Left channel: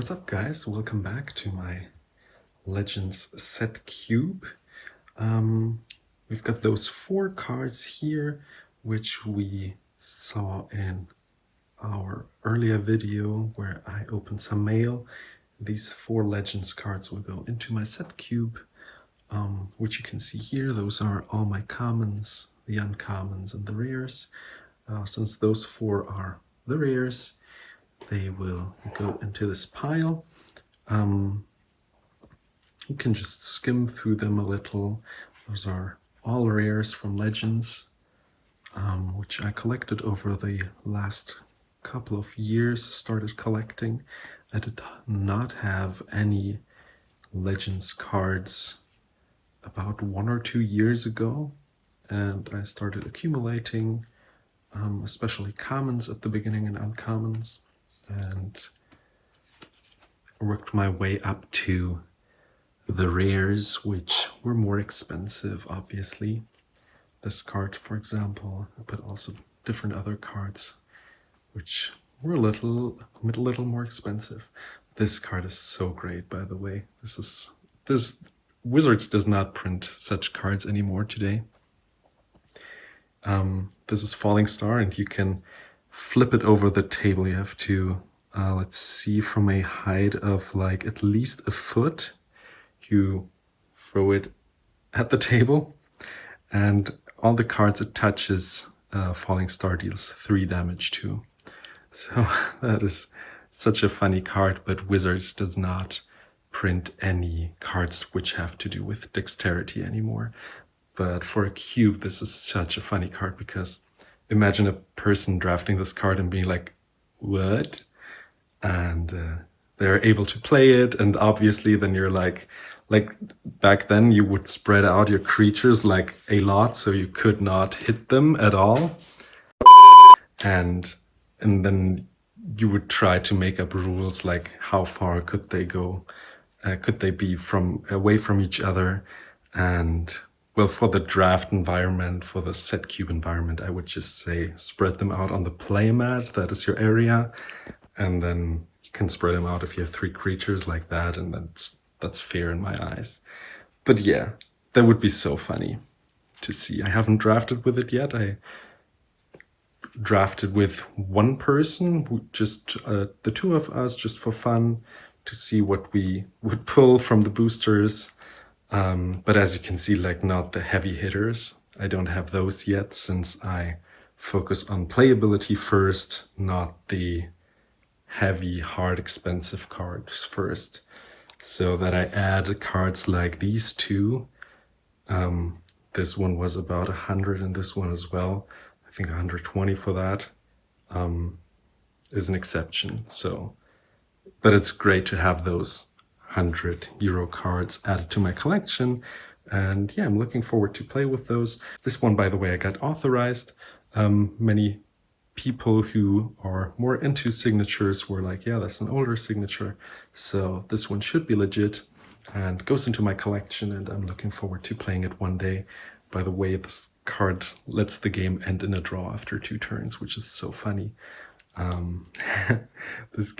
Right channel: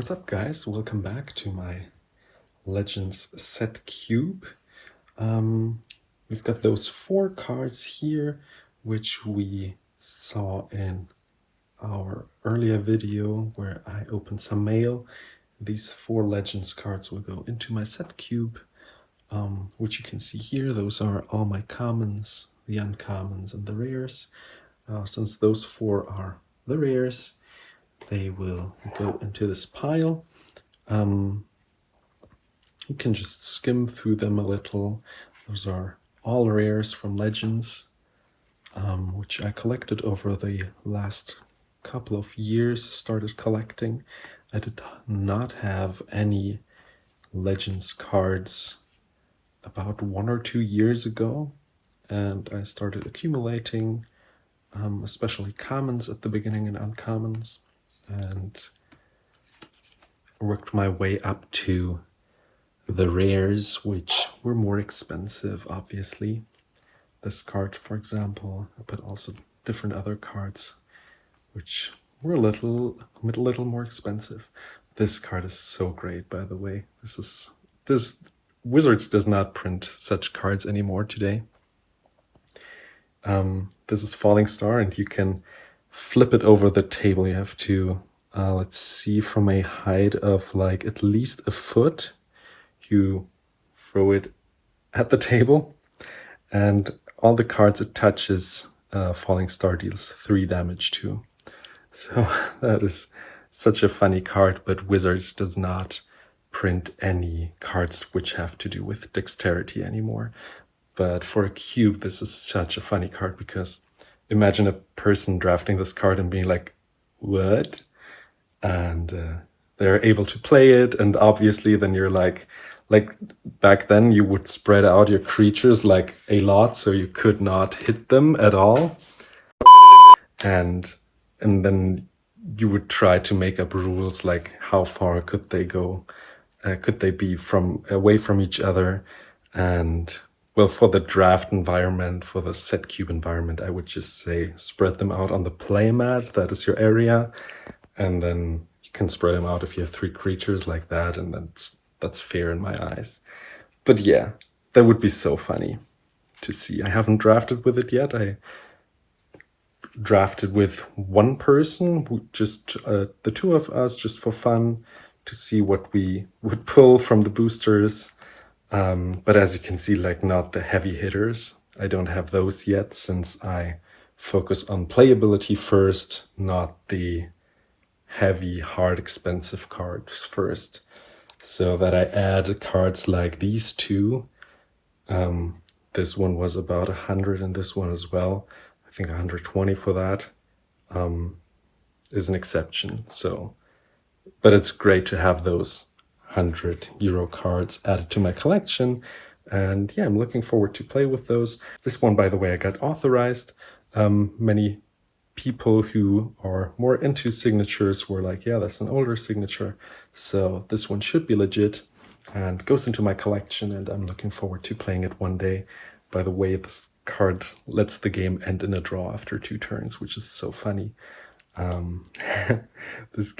What's up, guys? Welcome back to my Legends set cube. We've got those 4 cards here, which we saw in our earlier video where I opened some mail. These 4 Legends cards will go into my set cube, which you can see here. Those are all my commons, the uncommons, and the rares. Since those 4 are the rares, they will go into this pile. You can just skim through them a little. Those are all rares from Legends, which I collected over the last couple of years, started collecting. I did not have any Legends cards about 1 or 2 years ago, and I started accumulating, especially commons at the beginning and uncommons, and worked my way up to the rares, which were more expensive, obviously. This card, for example, but also different other cards, which were a little more expensive. This card is so great, by the way. This Wizards does not print such cards anymore today. This is Falling Star, and you can flip it over the table. You have to, let's see, from a height of like at least a foot, you throw it at the table, and all the cards it touches, Falling Star deals 3 damage to. So that is such a funny card, but Wizards does not print any cards which have to do with dexterity anymore. But for a cube, this is such a funny card, because imagine a person drafting this card and being like, what? And they're able to play it, and obviously then you're like back then you would spread out your creatures like a lot, so you could not hit them at all. And then you would try to make up rules like how far could they go, could they be away from each other. And well, for the draft environment, for the set cube environment, I would just say spread them out on the play mat. That is your area, and then you can spread them out if you have 3 creatures like that, and that's fair in my eyes. But yeah, that would be so funny to see. I haven't drafted with it yet. I drafted with one person, just the 2 of us, just for fun, to see what we would pull from the boosters. But as you can see, like, not the heavy hitters. I don't have those yet, since I focus on playability first, not the heavy, hard, expensive cards first. So that I add cards like these 2. This one was about 100, and this one as well. I think 120 for that is an exception. So, but it's great to have those 100 euro cards added to my collection, and yeah, I'm looking forward to play with those. This one, by the way, I got authorized. Many people who are more into signatures were like, yeah, that's an older signature, so this one should be legit, and goes into my collection, and I'm looking forward to playing it one day. By the way, this card lets the game end in a draw after 2 turns, which is so funny. This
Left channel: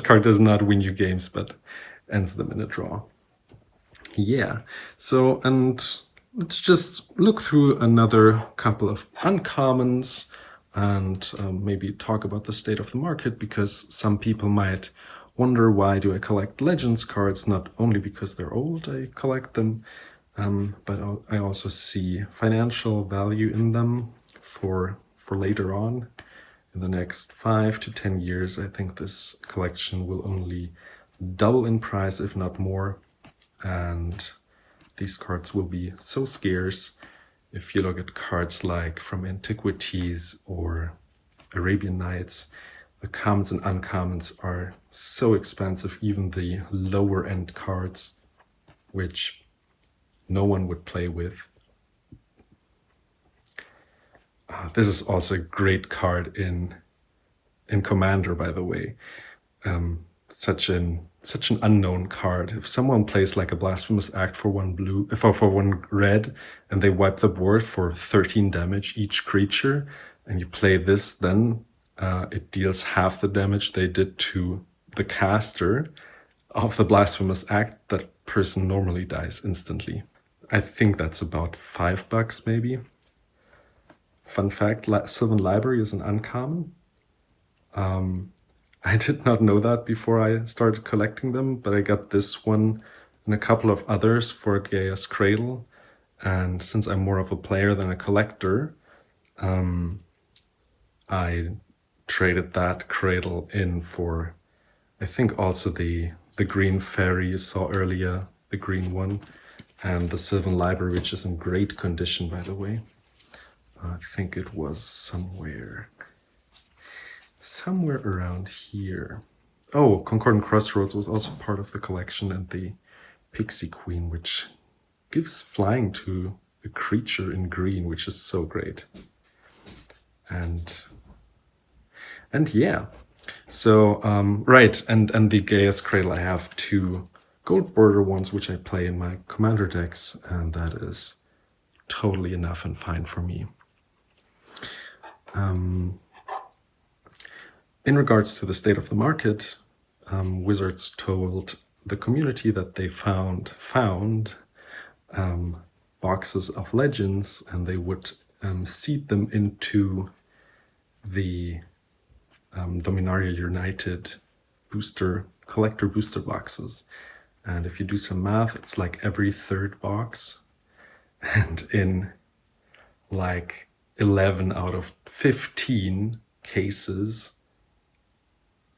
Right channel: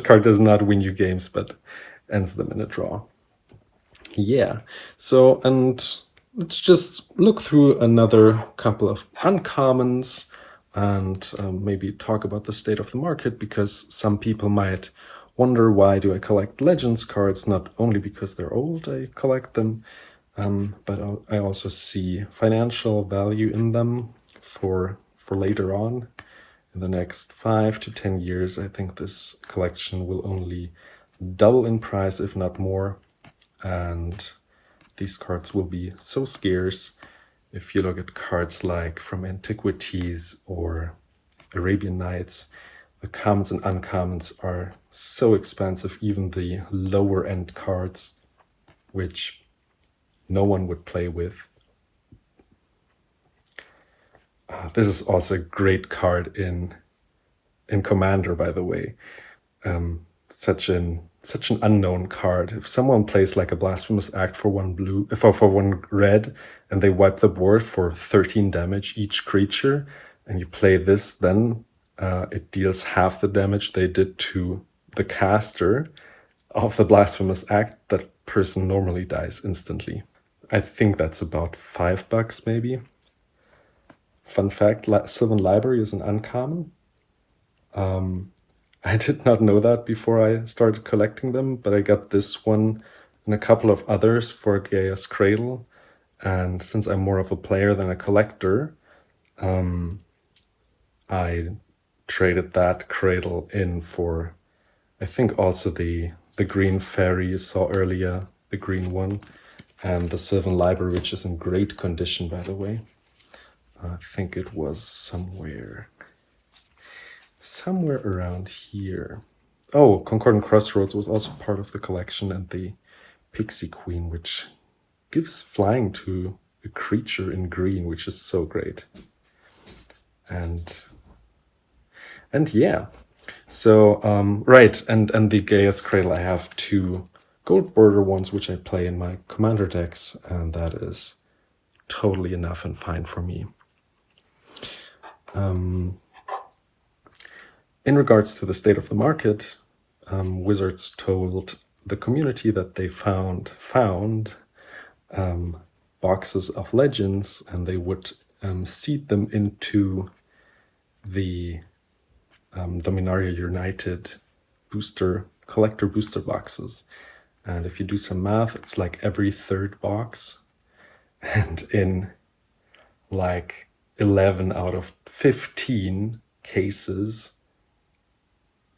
card does not win you games, but ends them in a draw. Yeah, so, and let's just look through another couple of uncommons, and maybe talk about the state of the market, because some people might wonder, why do I collect Legends cards? Not only because they're old I collect them, but I also see financial value in them for later on. In the next 5 to 10 years, I think this collection will only double in price, if not more, and these cards will be so scarce. If you look at cards like from Antiquities or Arabian Nights, the commons and uncommons are so expensive, even the lower end cards, which no one would play with. This is also a great card in Commander, by the way. Such an unknown card. If someone plays like a Blasphemous Act for 1 blue, for 1 red, and they wipe the board for 13 damage each creature, and you play this, then it deals half the damage they did to the caster of the Blasphemous Act, that person normally dies instantly. I think that's about $5 maybe. Fun fact, Sylvan Library is an uncommon. I did not know that before I started collecting them, but I got this one and a couple of others for Gaia's Cradle. And since I'm more of a player than a collector, I traded that cradle in for, I think, also the green fairy you saw earlier, the green one, and the Sylvan Library, which is in great condition, by the way. I think it was somewhere around here. Oh, Concordant Crossroads was also part of the collection, and the Pixie Queen, which gives flying to a creature in green, which is so great. And yeah, so right, and the Gaia's Cradle, I have 2 gold border ones which I play in my commander decks, and that is totally enough and fine for me. In regards to the state of the market, Wizards told the community that they found boxes of legends, and they would seed them into the Dominaria United collector booster boxes. And if you do some math, it's like every 3rd box, and in like 11 out of 15 cases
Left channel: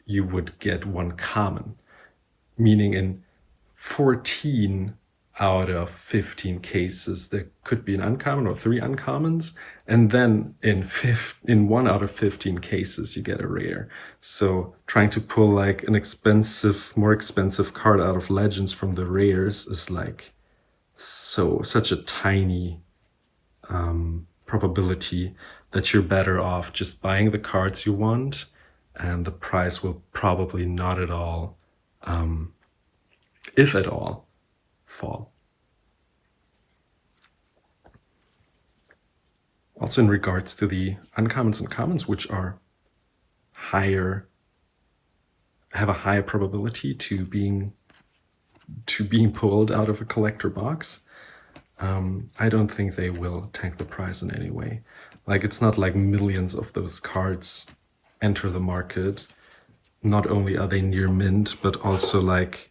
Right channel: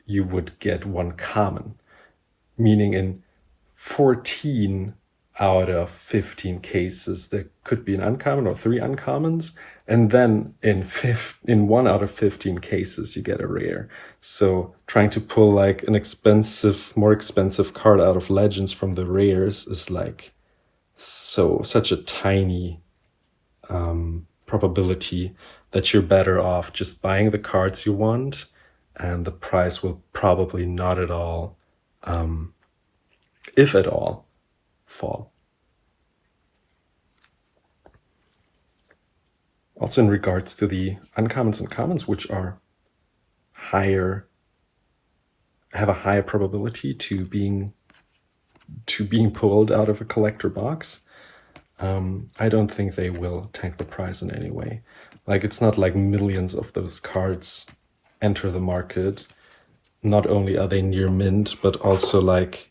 you would get 1 common, meaning in 14 out of 15 cases there could be an uncommon or 3 uncommons, and then in 1 out of 15 cases you get a rare. So trying to pull like an more expensive card out of Legends from the rares is like such a tiny probability that you're better off just buying the cards you want, and the price will probably not at all, if at all, fall. Also in regards to the uncommons and commons, which are have a higher probability to being pulled out of a collector box, I don't think they will tank the price in any way. Like, it's not like millions of those cards enter the market. Not only are they near mint, but also like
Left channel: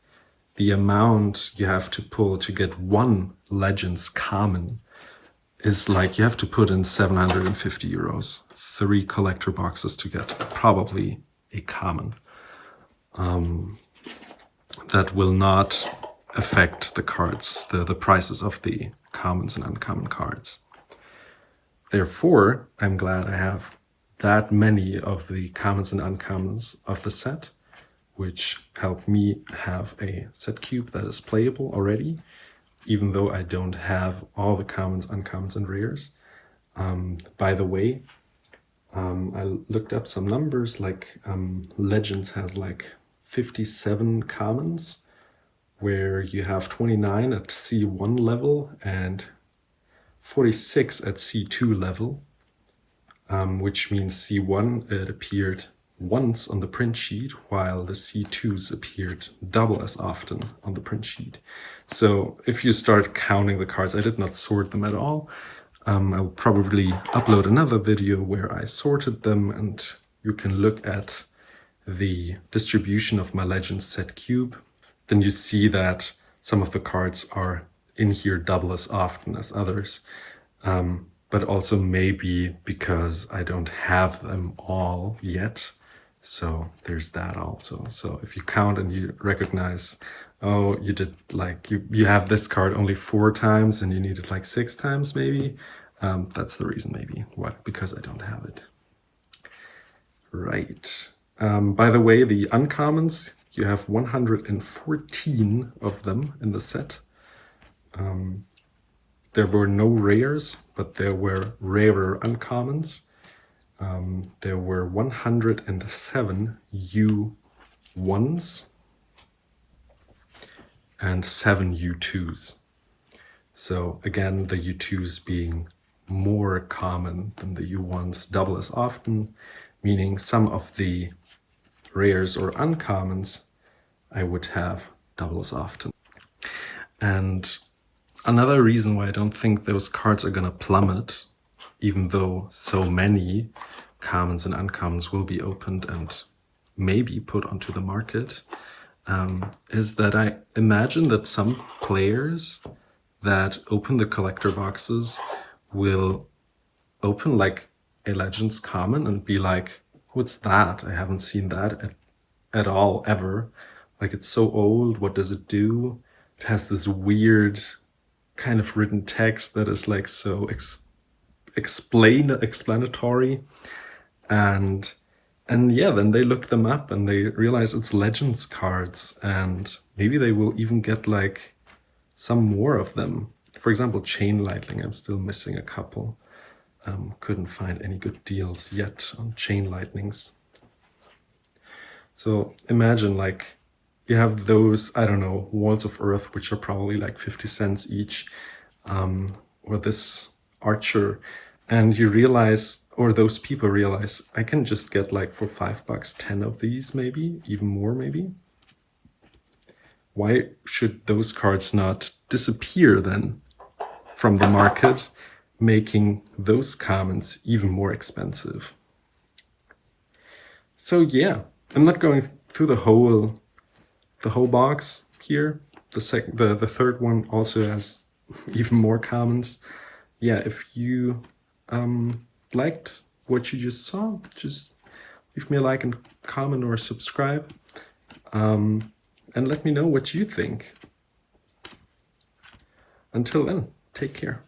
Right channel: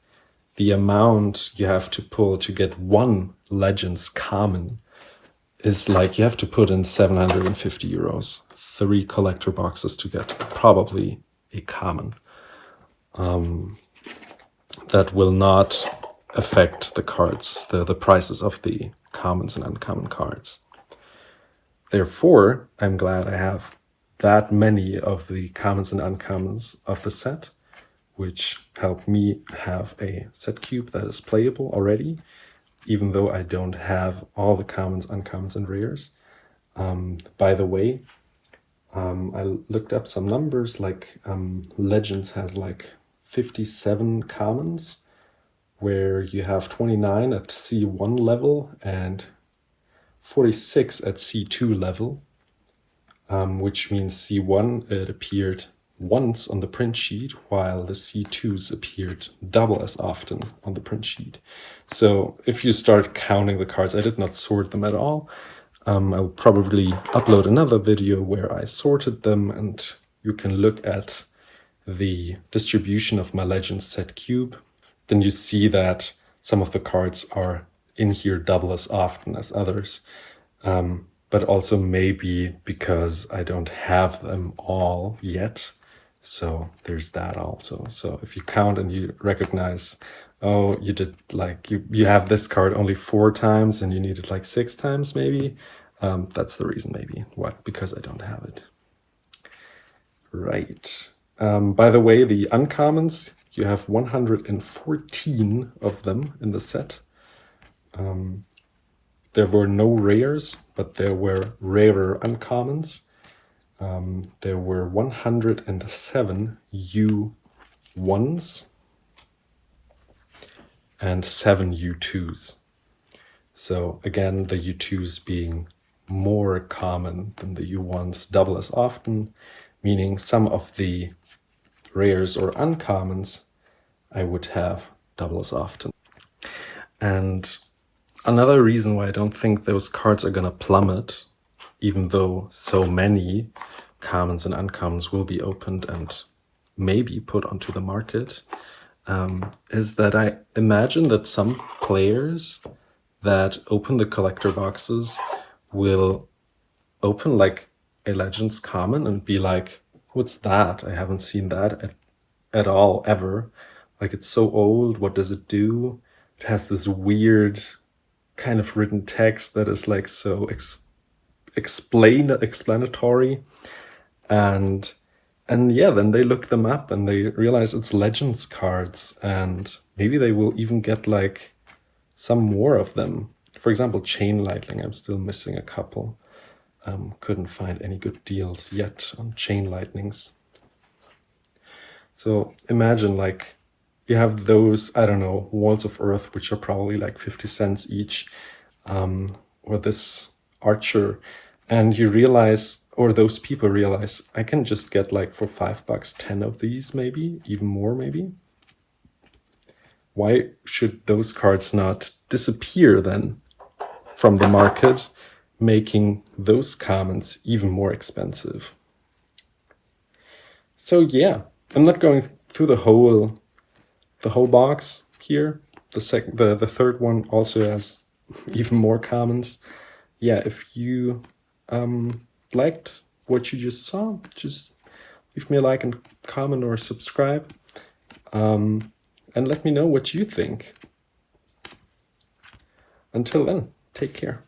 the amount you have to pull to get 1 Legends common is like you have to put in 750 euros, 3 collector boxes to get probably a common. That will not affect the cards, the prices of the commons and uncommon cards. Therefore, I'm glad I have that many of the commons and uncommons of the set, which help me have a set cube that is playable already, even though I don't have all the commons, uncommons, and rares. By the way, I looked up some numbers, like Legends has like 57 commons, where you have 29 at C1 level and 46 at C2 level, which means C1, it appeared once on the print sheet, while the C2s appeared double as often on the print sheet. So if you start counting the cards, I did not sort them at all. I'll probably upload another video where I sorted them, and you can look at the distribution of my Legends set cube. Then you see that some of the cards are in here double as often as others, but also maybe because I don't have them all yet. So there's that also. So if you count and you recognize, oh, you did like, you have this card only 4 times and you need it like 6 times maybe, that's the reason maybe. Why? Because I don't have it. Right. By the way, the uncommons, you have 114 of them in the set. There were no rares, but there were rarer uncommons. There were 107 U1s and 7 U2s. So again, the U2s being more common than the U1s, double as often, meaning some of the rares or uncommons, I would have double as often. And another reason why I don't think those cards are gonna plummet, even though so many commons and uncommons will be opened and maybe put onto the market, is that I imagine that some players that open the collector boxes will open like a Legends common and be like, what's that? I haven't seen that at all, ever. Like, it's so old, what does it do? It has this weird kind of written text that is like so explanatory. And yeah, then they look them up and they realize it's Legends cards, and maybe they will even get like some more of them. For example, Chain Lightning, I'm still missing a couple. Couldn't find any good deals yet on Chain Lightnings. So imagine like you have those, I don't know, Walls of Earth, which are probably like 50 cents each, or this Archer, and you realize, or those people realize, I can just get like for $5 10 of these, maybe even more, maybe. Why should those cards not disappear then from the market, making those commons even more expensive? So yeah, I'm not going through the whole box here. The third one also has even more commons. Yeah, if you liked what you just saw, just leave me a like and comment or subscribe, and let me know what you think. Until then, take care.